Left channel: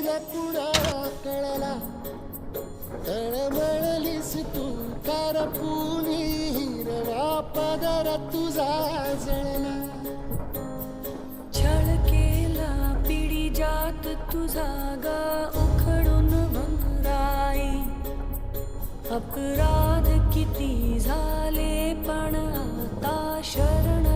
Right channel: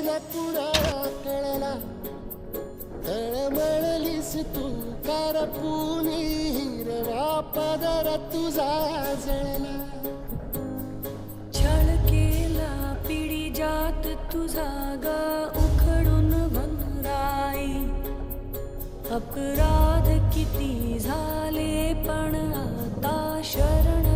न कुणा कळला तळमळलीस तू कारपुनी हिरवा पदर तुझा जळला छळ केला पिढी जात तुझा ग उखडून वनराई अपराध किती झाले पण आता शरण